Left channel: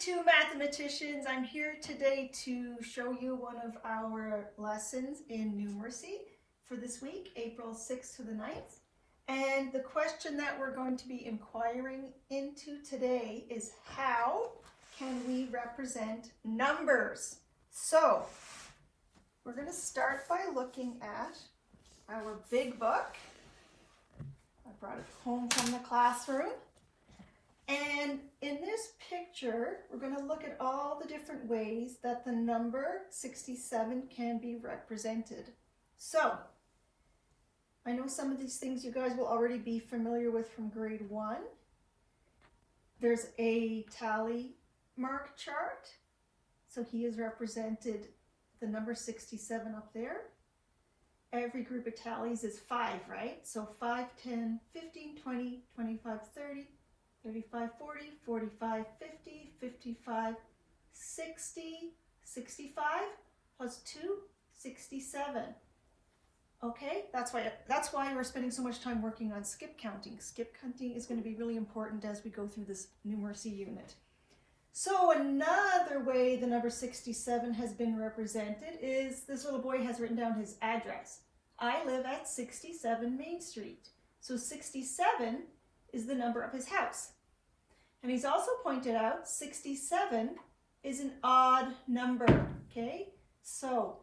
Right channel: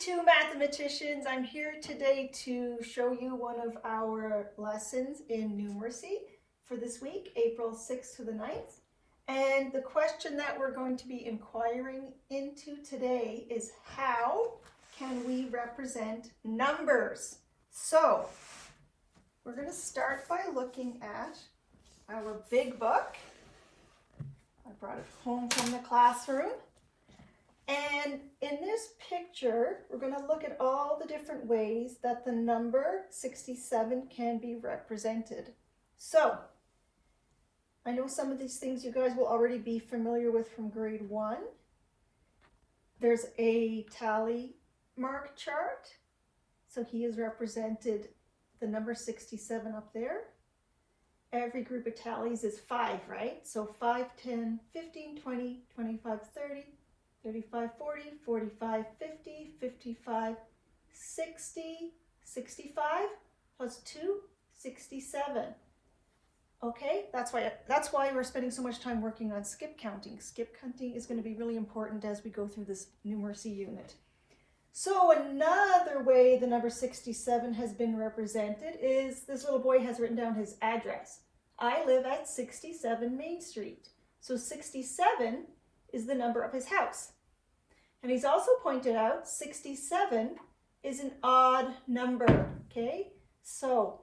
two mathematicians. I'm here today to show you one of our lessons in numeracy for this week, April 6th to the 9th. And the question that we're going to be inquiring into today is how can we represent numbers? So we're going to start by looking at our big book. I brought it home from the classroom. And in this picture, we're going to look at all the different ways that the number 67 can be represented. So, I know some of these things you guys will already be familiar with from grade 1. There's a tally mark chart. So he has represented the number 67 up there. Every group of tallies is 5, right? So 5, 10, 15, 20, 25, 30. 35, 40, 45, 50, 55, 60, 65, plus 2, 67. Okay, that's why we're spending so much time working on skip counting. Skip counting is going to be really important as we go through this numeracy unit. So another way the number 67 has been represented is this little boy has written down his address. I live at 67 Main Street. So 67 is the number of his house. And he's also pointed out 67 is an odd number, okay? So,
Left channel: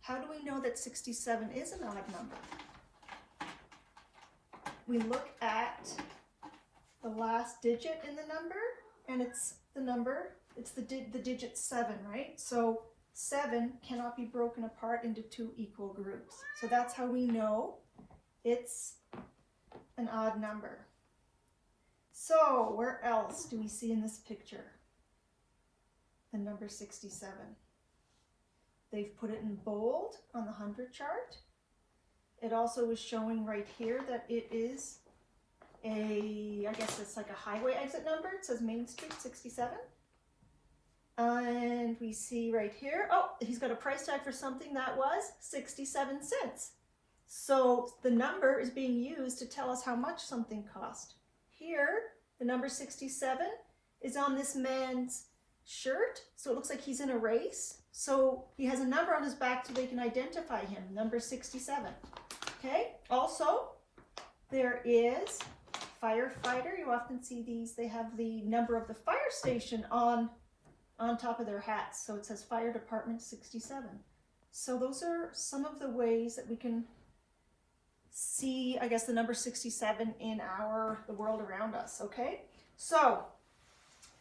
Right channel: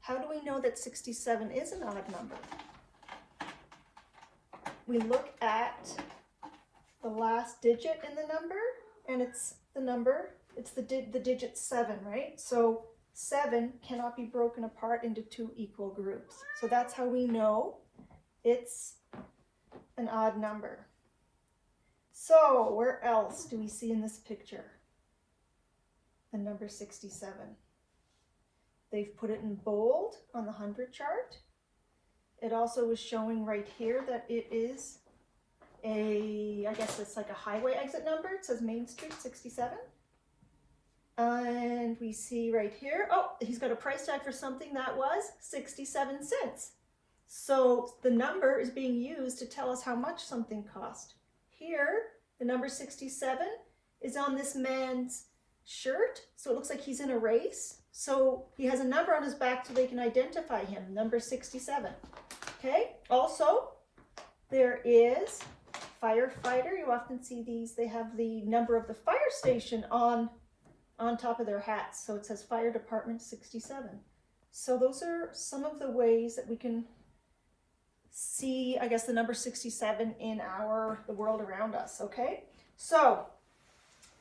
how do we know that 67 is an odd number? We look at the last digit in the number, and it's the digit 7, right? So 7 cannot be broken apart into 2 equal groups. So that's how we know it's an odd number. So where else do we see in this picture the number 67? They've put it in bold on the 100 chart. It also is showing right here that it is I guess it's like a highway exit number. It says Main Street 67. And we see right here, oh, he's got a price tag for something that was 67 cents. So the number is being used to tell us how much something cost. Here, the number 67 is on this man's shirt, so it looks like he's in a race. So he has a number on his back so they can identify him, number 67. Okay, also, there is firefighter. You often see these, they have the number of the fire station on top of their hats. So it says Fire Department 67. So those are some of the ways that we can see, I guess, the number 67 in the world around us, okay? So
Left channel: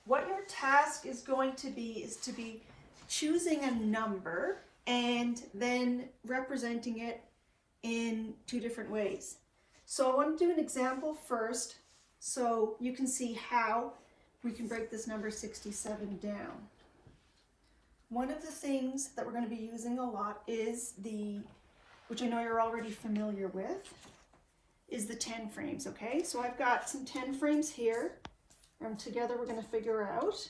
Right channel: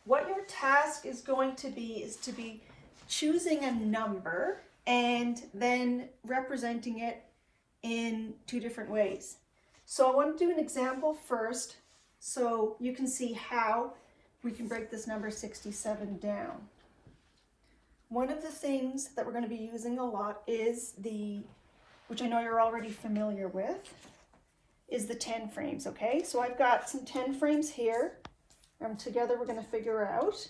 what your task is going to be is to be choosing a number and then representing it in 2 different ways. So I want to do an example first so you can see how we can break this number 67 down. One of the things that we're going to be using a lot is which I know you're already familiar with, is the 10 frames, okay? So I've got some 10 frames here, and together we're going to figure out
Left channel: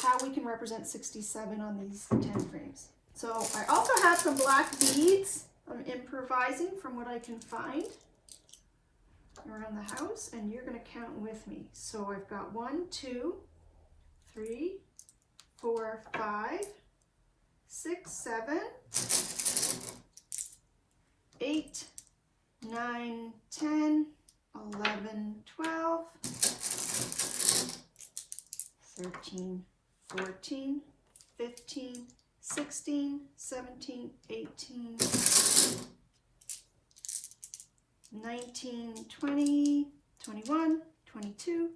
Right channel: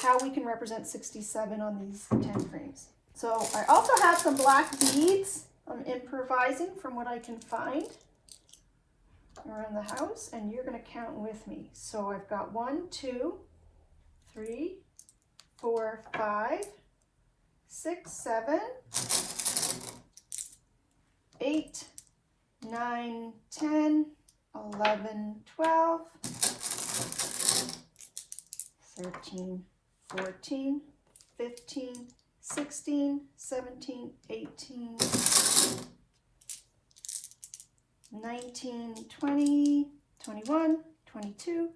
how we can represent 67 on these 10 frames. So I also have some black beads. I'm improvising from what I can find around the house, and you're going to count with me. So I've got 1, 2, 3, 4, 5, 6, 7, 8, 9, 10, 11, 12, 13, 14, 15, 16, 17, 18, 19, 20, 21, 22,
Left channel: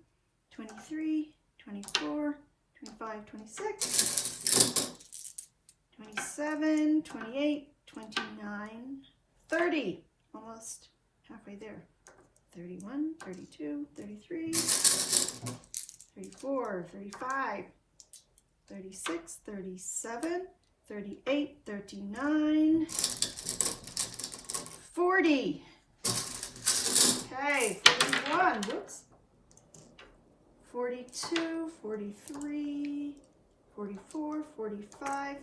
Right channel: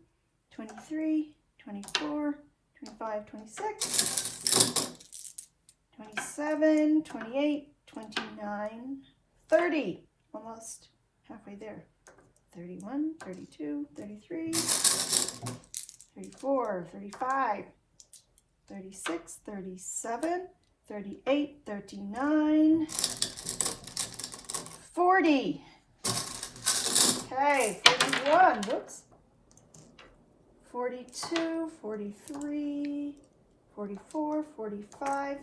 23, 24, 25, 26, 27, 28, 29, 30, almost halfway there, 31, 32, 33, 34, 35, 36, 37, 38, 39, 40. Okay, 41, whoops. 42, 43, 44, 45,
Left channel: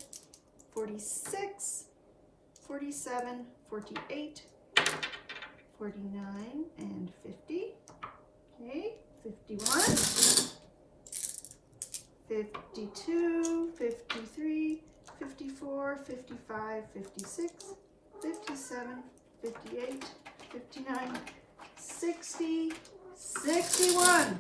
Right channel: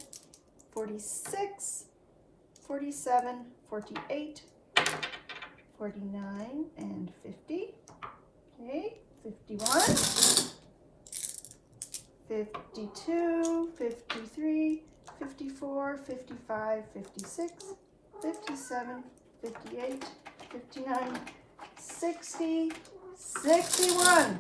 46, 47, 48, 49, and 50. Okay, 51, 52, 53, 54, 55, 56, 57, 58, 59, 60, 61,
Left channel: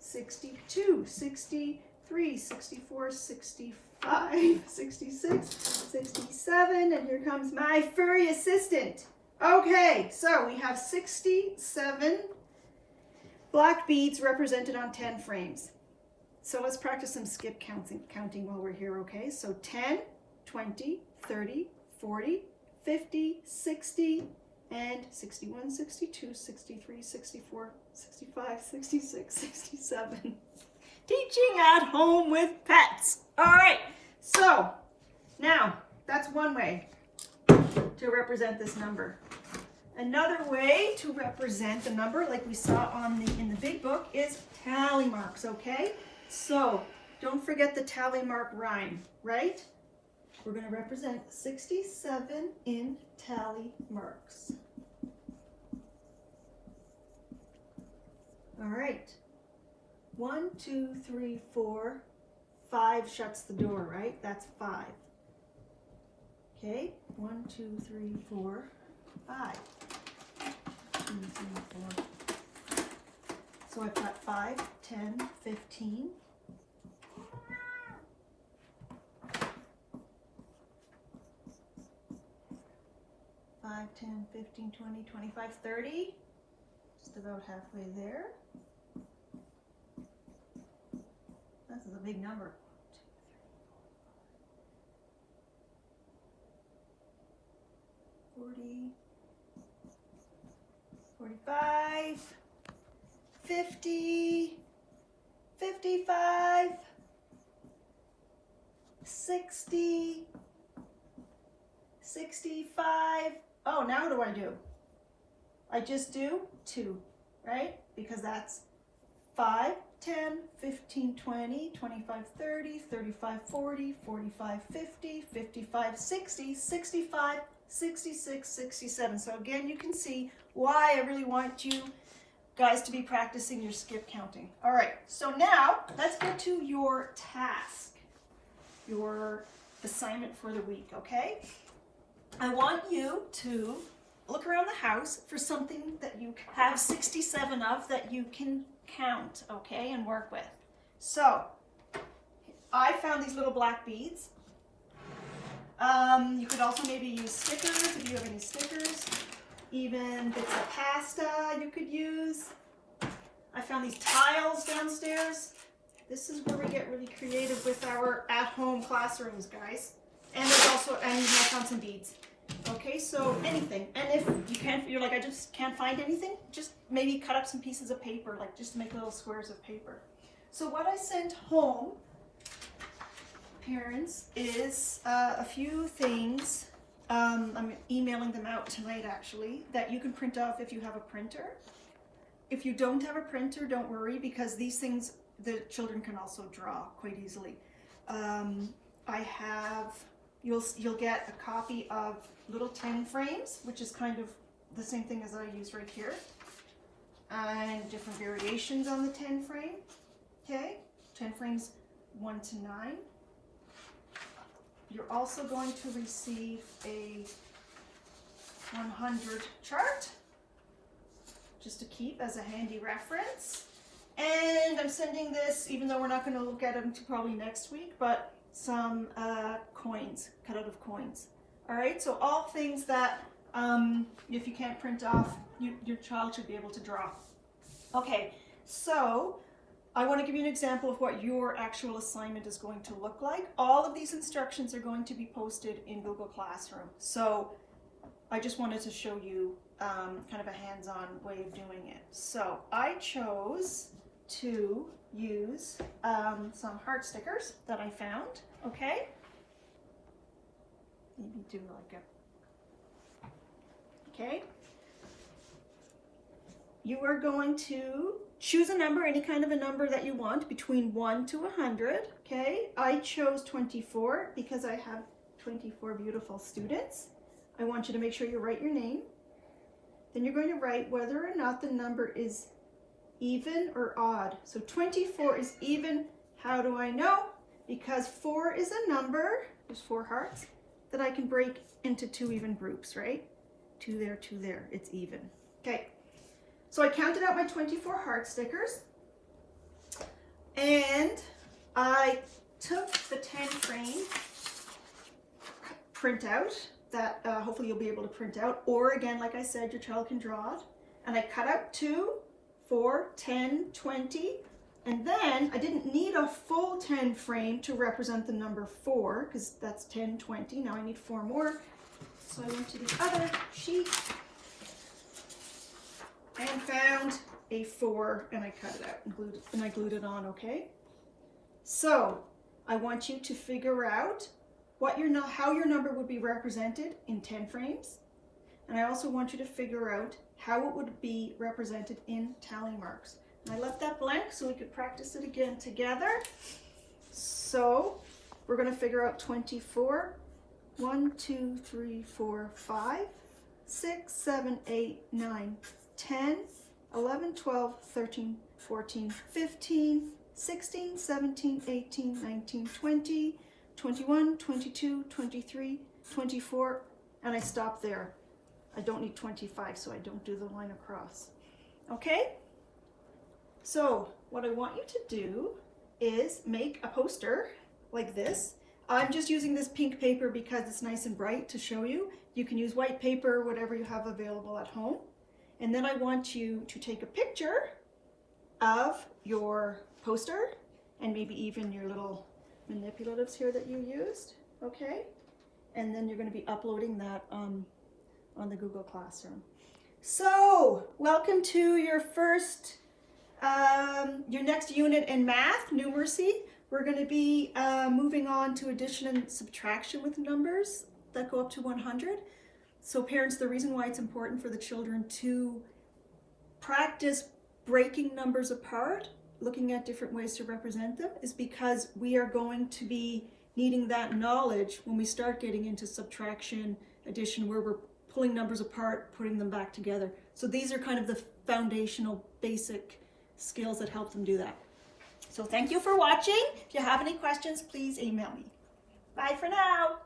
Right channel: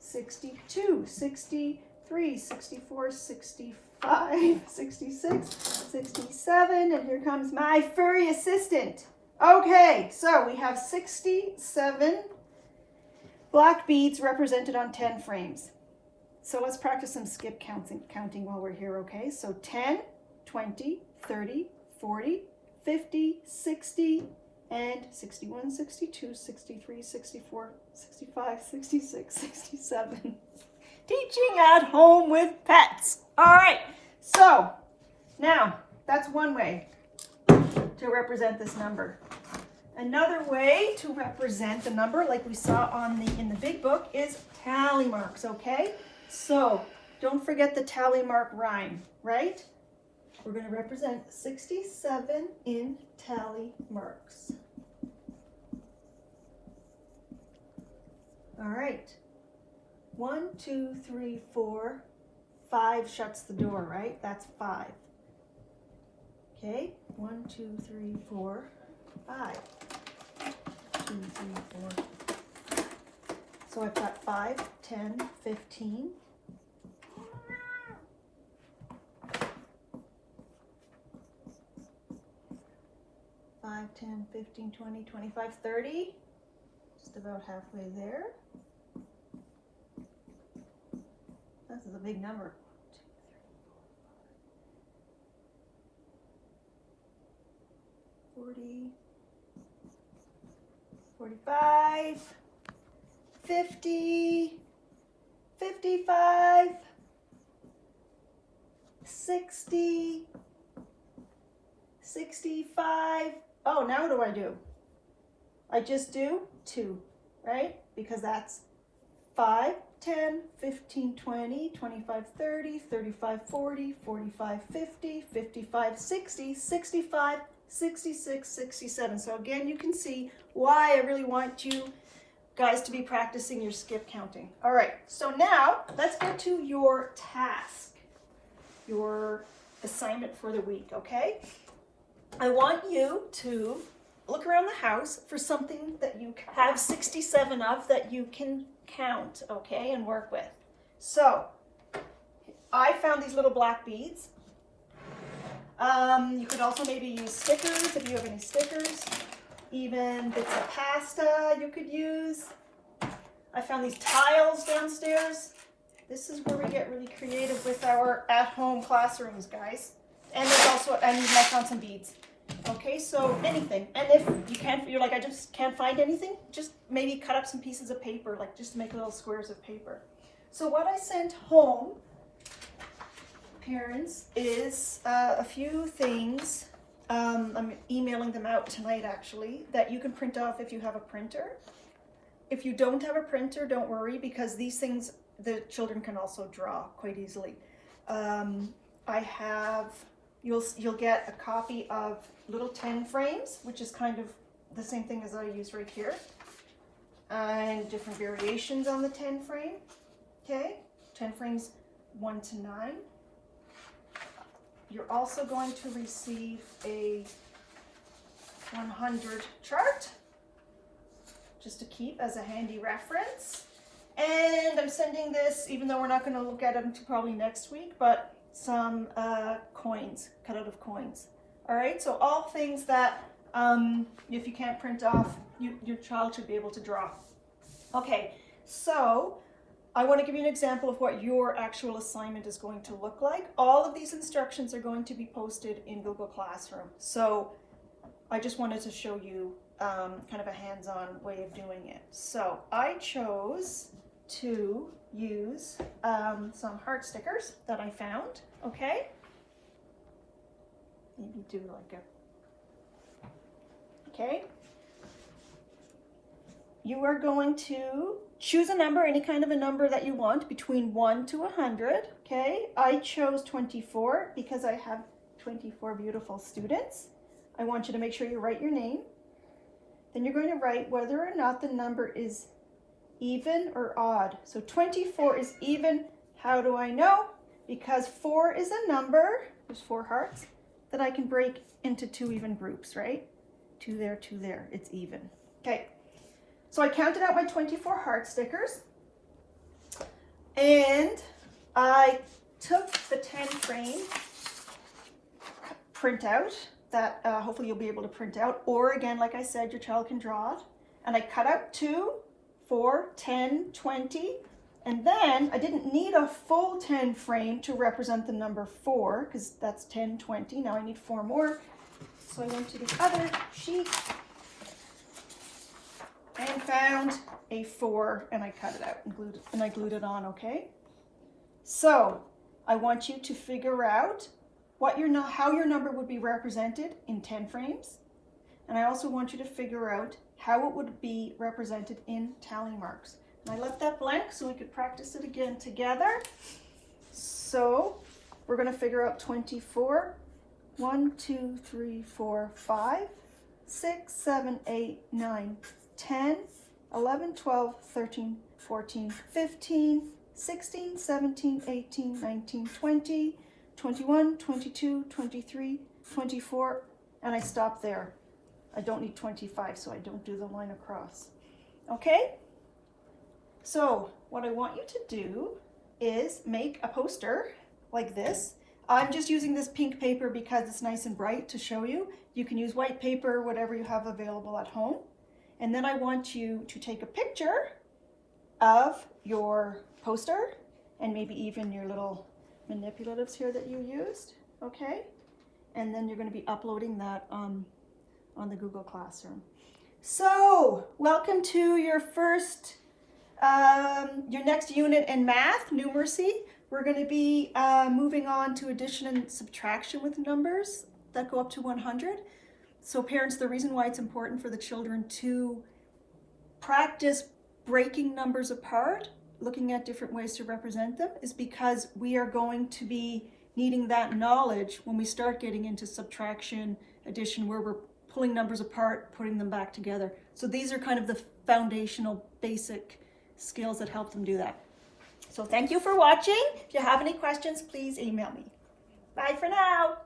62, 63, 64, 65, 66, 67, and here comes my furry assistant. Okay, so we have 67 black beads represented on 10 frames. So let's practice some skip counting while we're here, okay? So 10, 20, 30, 40, 50, 60, and 61, 62, 63, 64, 65, 66, 67. Teaching at home with pets. All right, so now that's one way to represent this number. Another way to represent the number, like we saw in the big book, is tally marks, okay? So don't forget the tally mark rhyme, right? We're going to represent 67 in tally marks. All right. 1, 2, 3, 4, 5 shuts the door, right? That's 5. Okay, 1, 2, 3, 4, 5. 2, 3, 4. So I've got 5, 10, 15. 5, 10, 15, 20, 25, 30. Just about halfway there. This is a big number. 40, 45, 50, 55, 60, 65. Oh, now what do I do? I just do 2, right? Because that's 5, 10, 15, 20, 25, 30, 35, 40, 45, 50, 55, 60, 65, 66, 67. So again, you can see why I really want you guys to be practicing your skip counting. All right, so now let's get to your task, your assignment for the week, okay? I want you to look around the house for something that you have 67 of that you can count, okay, and work with. So I found these little black beads. You could also maybe use stickers if you have any stickers, even bits of pasta you could use. I found these tiles downstairs. This is where we get really creative with our at-home classrooms, guys. And there's also, and I found some beads. Okay, so anything. And if you can't, you're like, I just can't find anything, just maybe cut up some pieces of paper, like just to make little squares of paper. So what I sent home, parents, is a few things. I'm emailing them out tonight, actually, that you can print off if you have a printer. If you don't have a printer, don't worry, because these things, the children can also draw quite easily. I have, you'll get a copy of little 10 frames, which is kind of the same thing as I use right here, and different variations on the 10 frame. Okay, 10 frames 1 to 9. You're also going to receive a 100 chart, just to keep as a handy reference. And I'm sending this, even though we're not going to look at them until probably next week, but some coins, cut out of coins. All right, so all things that if you can't print off, your child should be able to draw. Okay, so I want to give you an example of what your actual assignment is going to look like. All of these instructions are going to be posted in Google Classroom. So I just wanted to show you kind of a hands-on way of doing it. So I chose to use some heart stickers that I found, okay? Maybe do like a, okay? You are going to choose a number, any kind of a number that you want, between 1 to 100, okay? I chose 24 because I have 24 beautiful students. I want you to make sure you write your name. Then you're going to write whether or not the number is even or odd. So 24 is even. How do I know? Because 4 is a number, there's 4 hearts, that I can break into 2 even groups, right? 2 there, 2 there, it's even. Okay, so I counted out my 24 heart stickers, and I took the 10 frame printout that hopefully you'll be able to print out, or again, like I said, your child can draw it, and I cut out 2, 4, 10, 20, and then I didn't need a full 10 frame to represent the number 4, because that's 10, 20. Now I need 4 more. So I went to the other sheet and found a 4, and I cut it out and I glued it on, okay? So I want you to figure out how your number would be represented in 10 frames. And I also want you to figure out how it would be represented in tally marks. And I left that blank so we could practice it again together. So we're going to figure out 24. 1, 2, 3, 4, 5, 6, 7, 8, 9, 10, 11, 12, 13, 14, 15, 16, 17, 18, 19, 20, 21, 22, 23, 24, and I stop there. I don't need 25, so I don't do the line across. Okay? So what I want you to do is make a poster like this. I'm just using this pink paper because it's nice and bright to show you. You can use white paper, whatever you have available at home. And then I want you to take a picture of your poster and maybe even your little manipulatives here that you used, okay? And then you're going to be uploading that on the Google Classroom. So, welcome to your next unit in math, numeracy. We're going to be moving on to addition and subtraction with numbers that go up to 100. So parents, the reason why it's important for the children to practice breaking numbers apart, looking at different ways to represent them, is because we are going to be needing that knowledge when we start getting into subtraction, addition, where we're pulling numbers apart, putting them back together. So these are kind of the foundational basic skills that help them do that. So thank you for watching. If you have any questions, please email me. Bye for now.